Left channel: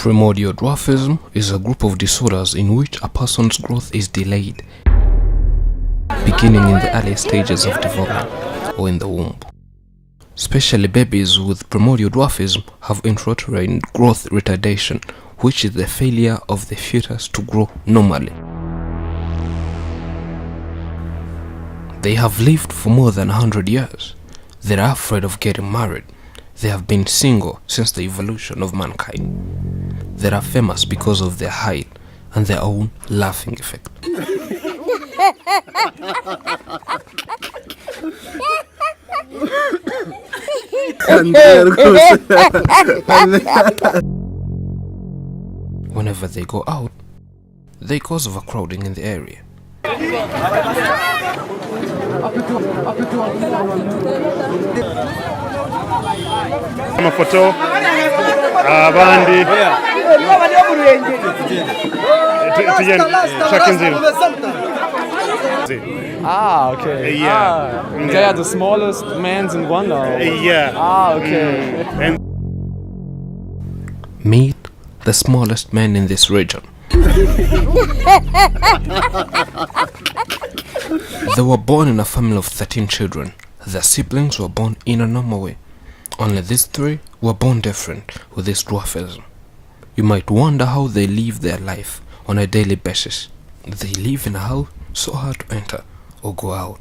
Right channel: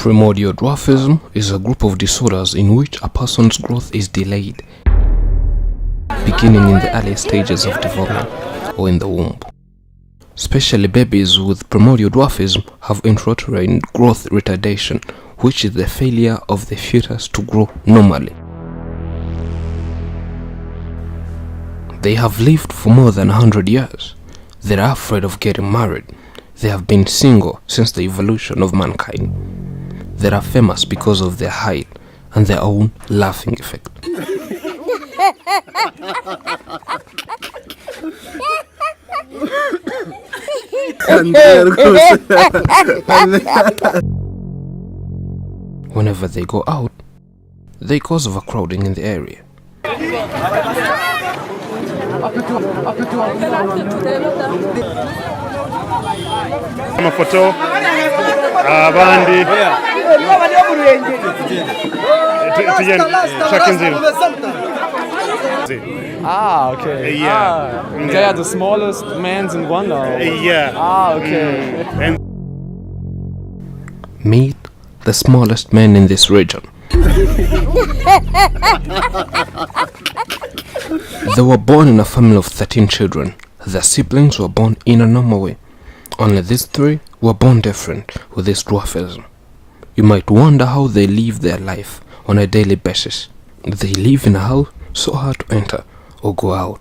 Primordial dwarfism is a group of disorders in which a person's growth is delayed, beginning in the early stages of development or in the womb. Especially babies with primordial dwarfism have intrauterine growth retardation, which is the failure of the fetus to grow normally. They have lived for more than 100 years. They are afraid of getting married. They have been single since the evolution of mankind. They are famous because of their height and their own laughing effect. Whenever they go out, they cause overcrowding in the area. Amafoto abandi okay. They are the smallest mans in Rwanda. Okay. Meet the smallest man in this region. They were born in a family of 13 children. Their siblings were born in a normal way. Only these 3 were born different with this dwarfism. You might wonder how they live their life on a daily basis. They live in a house so hard to enter or go out.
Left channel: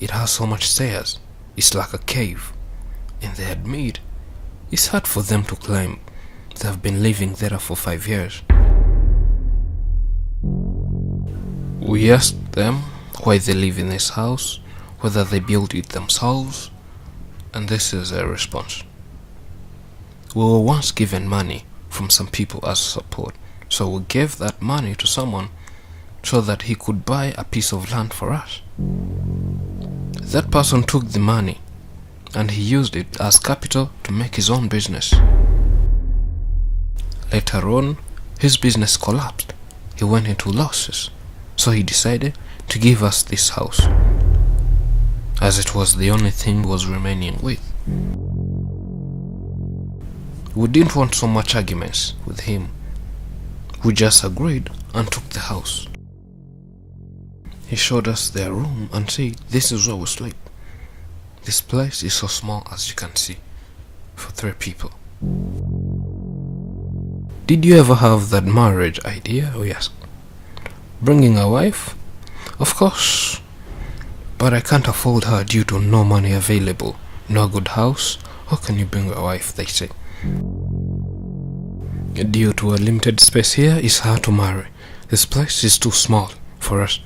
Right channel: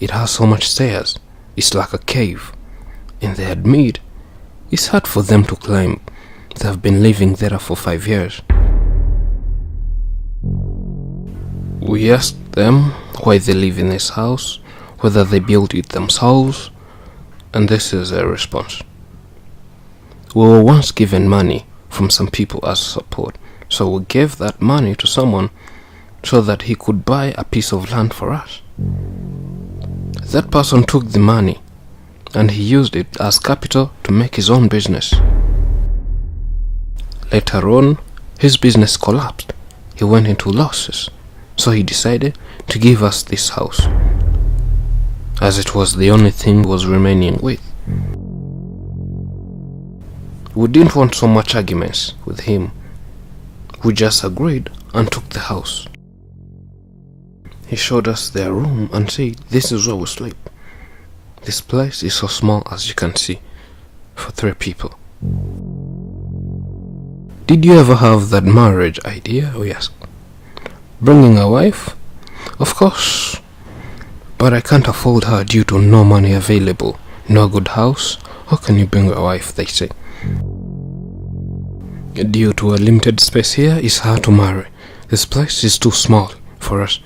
It has so much stairs, it's like a cave. And they admit it's hard for them to climb. They have been living there for 5 years. We asked them why they live in this house, whether they built it themselves, and this is their response. We were once given money from some people as support, so we gave that money to someone so that he could buy a piece of land for us. That person took the money and he used it as capital to make his own business. Later on, his business collapsed. He went into losses, so he decided to give us this house, as it was the only thing he was remaining with. We didn't want so much arguments with him. We just agreed and took the house. He showed us their room and said, "This is where we sleep. This place is so small, as you can see, for 3 people." Did you ever have that marriage idea? We asked. Bringing a wife? Of course. But I can't afford her due to no money available, no good house. How can you bring a wife, they say. Due to a limited space here, it's hard to marry. This place is too small for us.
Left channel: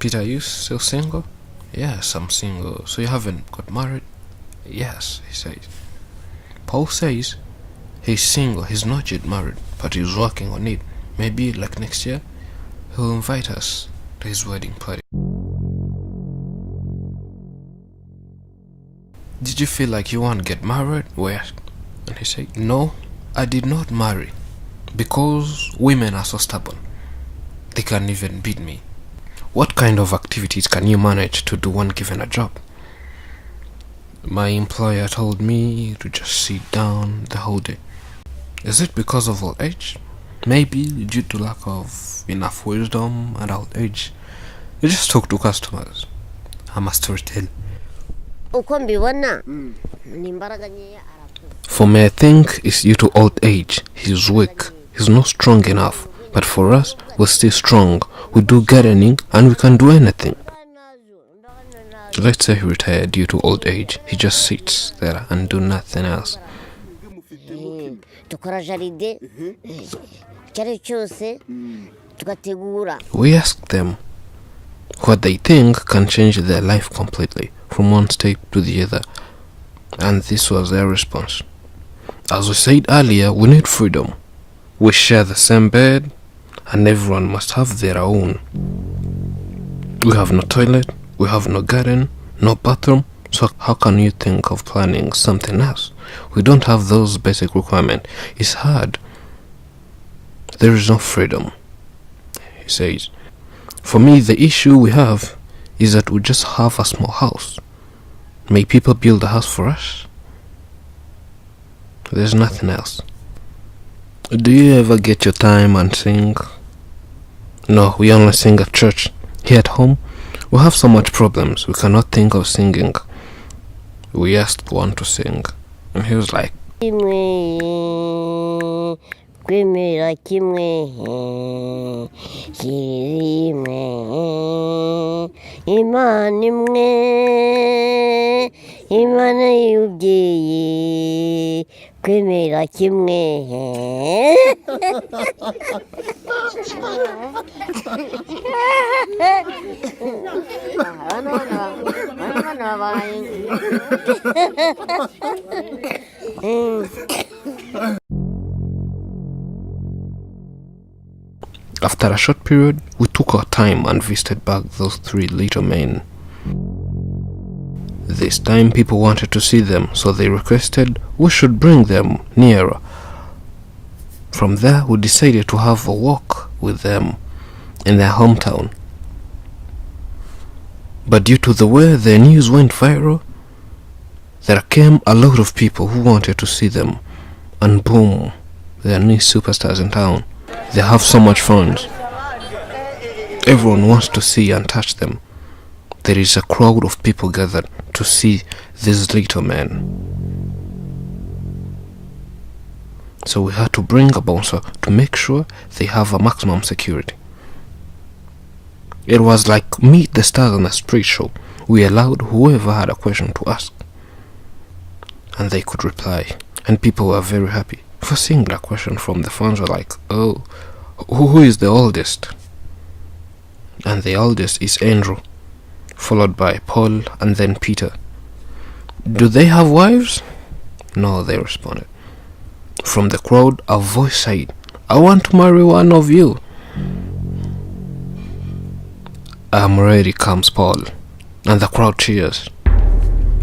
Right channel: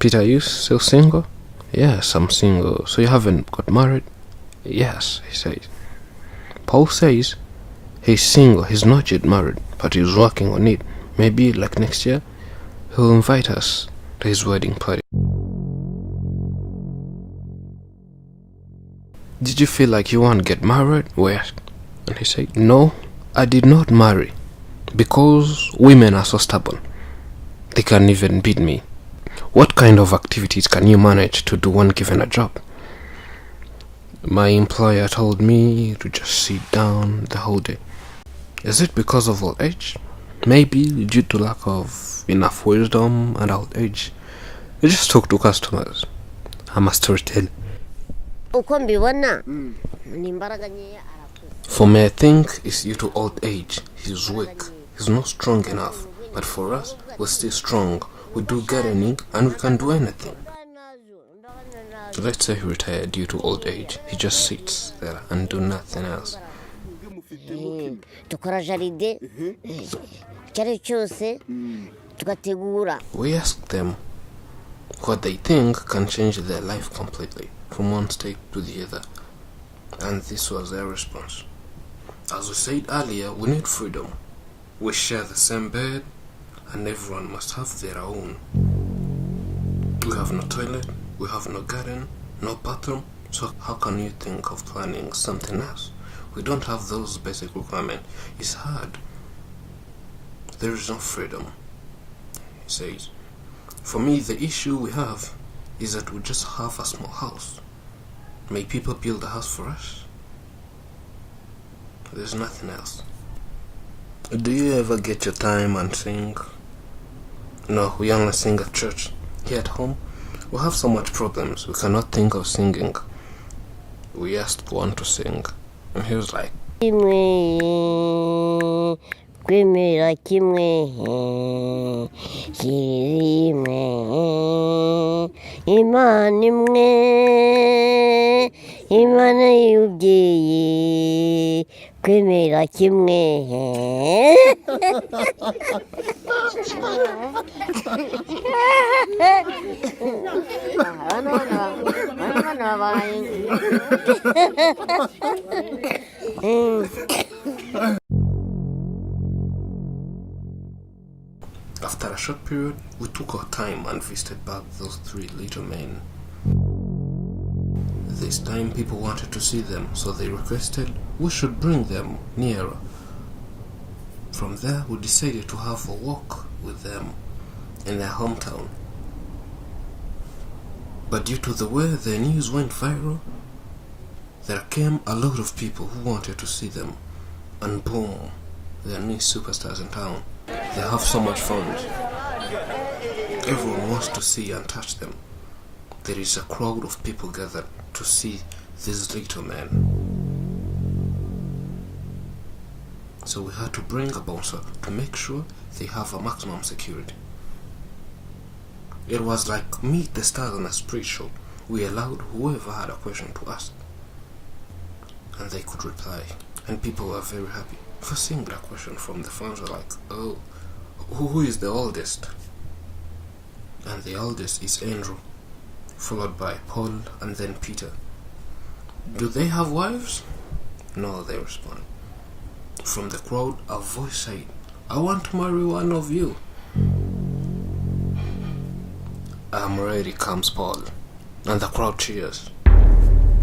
Peter, are you still single? Yes, I'm single. So you haven't got married? Yes, he says. Paul says he's single, he's not yet married, but he's working on it. Maybe like next year, he'll invite us to his wedding party. Did you feel like you want to get married? We asked. And he said, no, I did not marry because women are so stubborn. They can't even beat me. What kind of activities can you manage to do when given a job? My employer told me to just sit down the whole day. Is it because of old age? Maybe due to lack of enough wisdom and old age. I just talk to customers. I'm a storyteller. For me, I think it's due to old age. He's weak. He's not strong enough. But for us, we're still strong. We do gardening and we can do anything. Let's say he retired due to old age. He just sits there and do nothing else. We asked them what they think can change their life completely from one step to the other, and this was their response. As we said earlier, we need freedom. We share the same bed and everyone must have their own. We have no toilet, we have no garden, no bathroom, so how can you think of planning something else? We don't have those basic requirements. It's hard. There is no freedom, he says. For me, the issue we have is that we just have a small house. May people build a house for us? There's nothing else. Do you ever get your time and sing? No, we only sing at church. Here at home, we have so much problems, we cannot think of singing. We asked one to sing, and he was like, kwemera kimwe kirimwe imana imwe imana y'ubyeyi kwemera kimwe. After a short period, we took our time and visited back those 3 little men. This time people wanted to see them, so they requested we should bring them nearer. From there, we decided to have a walk with them in their hometown. But due to the way their news went viral, there came a lot of people who wanted to see them, and boom, they are new superstars in town. They have so much fun. Everyone wants to see and touch them. There is a crowd of people gathered to see these little men. So we had to bring a bouncer to make sure they have a maximum security. It was like Meet the Stars on a street show. We allowed whoever had a question to ask, and they could reply, and people were very happy. For seeing that question from the fans were like, oh, who is the oldest? And the oldest is Andrew, followed by Paul and then Peter. Do they have wives? No, they responded. From the crowd, a voice said, I want to marry one of you. I'm ready, comes Paul, and the crowd cheers.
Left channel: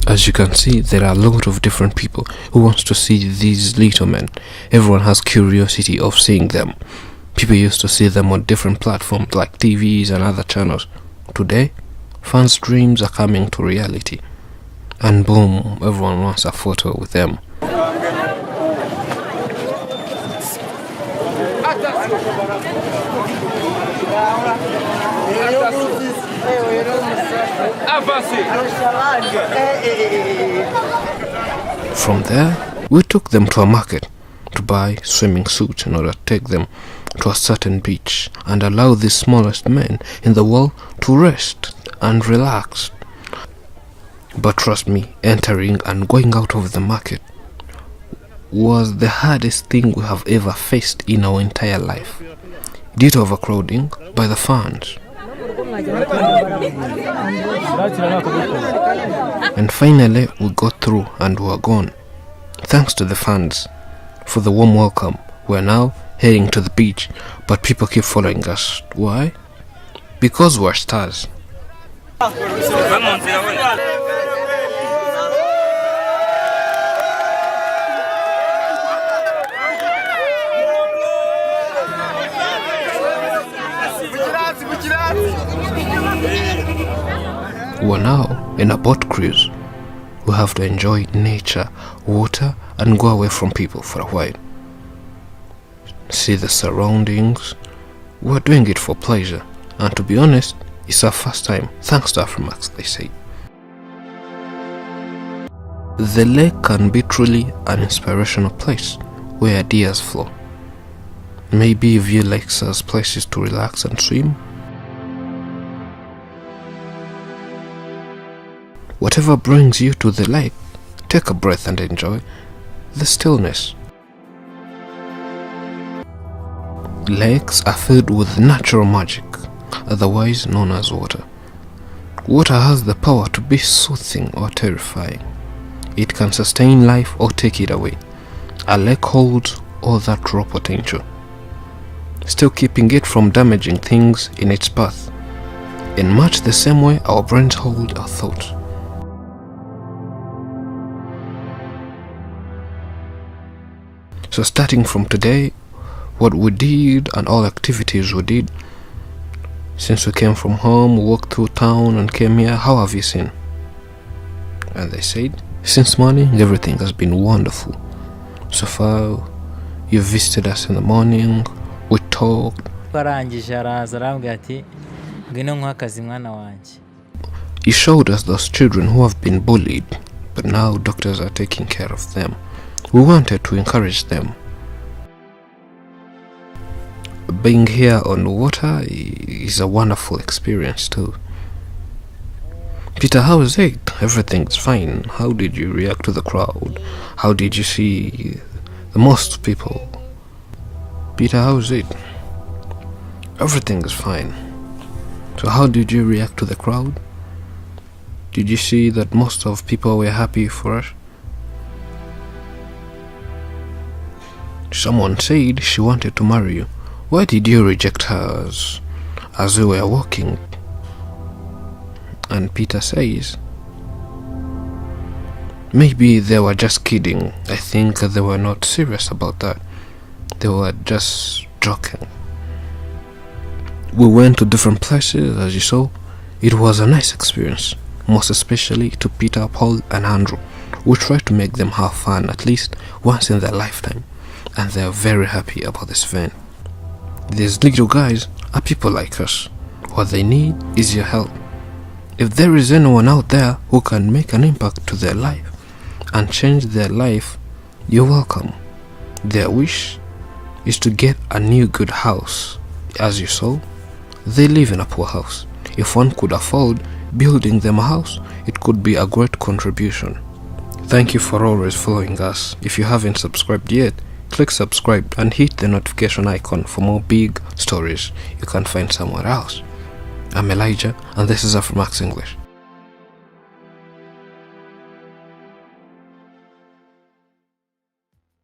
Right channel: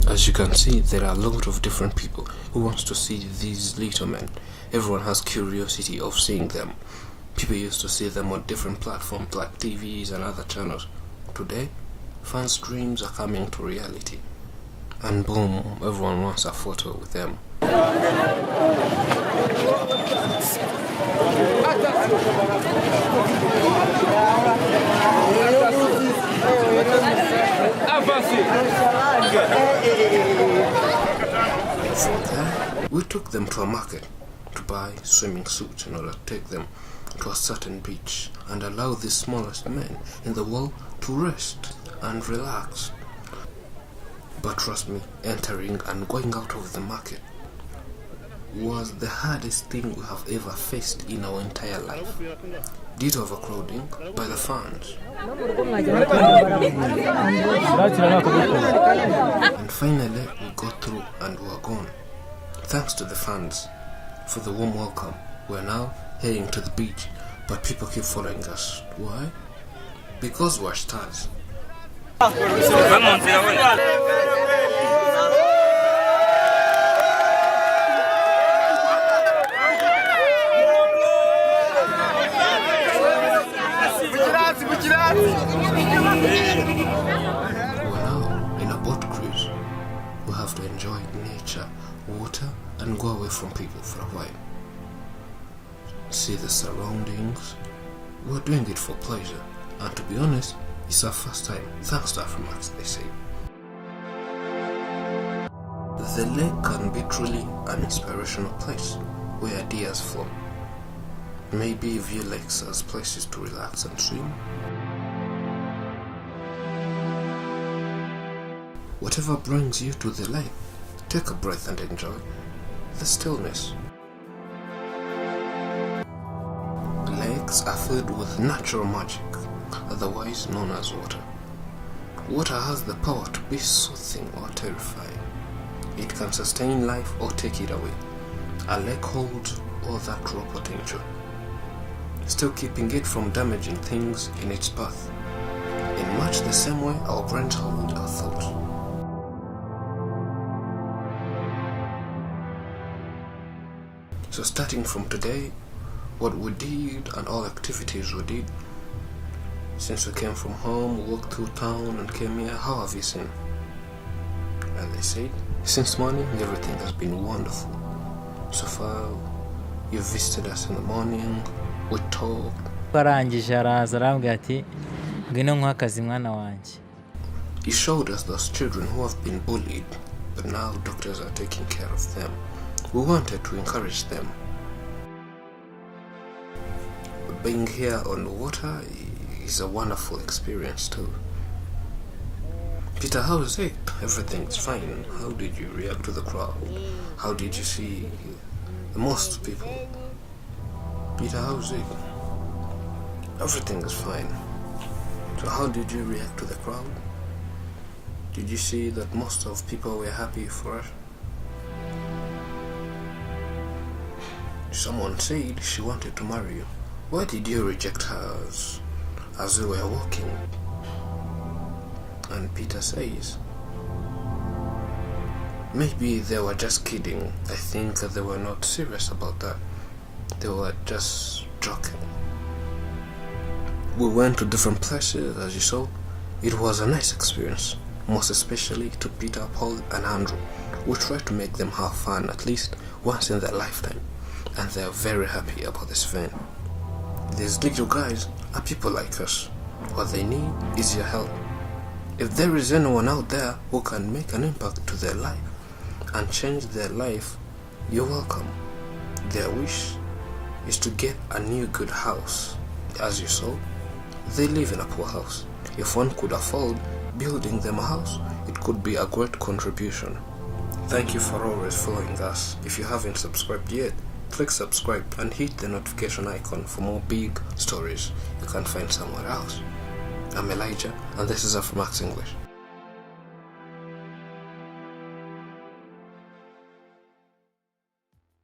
As you can see, there are a lot of different people who wants to see these little men. Everyone has curiosity of seeing them. People used to see them on different platforms like TVs and other channels. Today, fans' dreams are coming to reality. And boom, everyone wants a photo with them. From there, we took them to a market to buy swimming suits in order to take them to a certain beach and allow the smallest men in the world to rest and relax. But trust me, entering and going out of the market was the hardest thing we have ever faced in our entire life, due to overcrowding by the fans. And finally, we got through and we were gone. Thanks to the fans for the warm welcome. We're now heading to the beach, but people keep following us. Why? Because we're stars. We're now in a boat cruise. We have to enjoy nature, water, and go away from people for a while. See the surroundings. We're doing it for pleasure, and to be honest, it's our first time, thanks to Afrimax, they say. The lake can be truly an inspirational place where ideas flow. Maybe you view lakes as places to relax and swim. Whatever brings you to the lake, take a breath and enjoy the stillness. Lakes are filled with natural magic, otherwise known as water. Water has the power to be soothing or terrifying. It can sustain life or take it away. A lake holds all that raw potential, still keeping it from damaging things in its path. In much the same way our brains hold our thoughts. So starting from today, what we did and all activities we did, since we came from home, we walked through town and came here, how have you seen? And they said, since morning everything has been wonderful. So far, you visited us in the morning, we talked. arangije araza arambwira ati ngwino nkwa akazi mwana wanjye. He showed us those children who have been bullied, but now doctors are taking care of them. We wanted to encourage them. Being here on water is a wonderful experience too. Peter, how is it? Everything's fine. How did you react to the crowd? How did you see the most people? Peter, how is it? Everything is fine. So how did you react to the crowd? Did you see that most of people were happy for us? Someone said she wanted to marry you. Why did you reject her as we were walking? And Peter says, maybe they were just kidding. I think they were not serious about that. They were just joking. We went to different places, as you saw. It was a nice experience, most especially to Peter, Paul, and Andrew. We tried to make them have fun at least once in their lifetime, and they are very happy about this event. These little guys are people like us. What they need is your help. If there is anyone out there who can make an impact to their life and change their life, you're welcome. Their wish is to get a new good house. As you saw, they live in a poor house. If one could afford building them a house, it could be a great contribution. Thank you for always following us. If you haven't subscribed yet, click subscribe and hit the notification icon for more big stories you can't find somewhere else. I'm Elijah, and this is Afro Max English.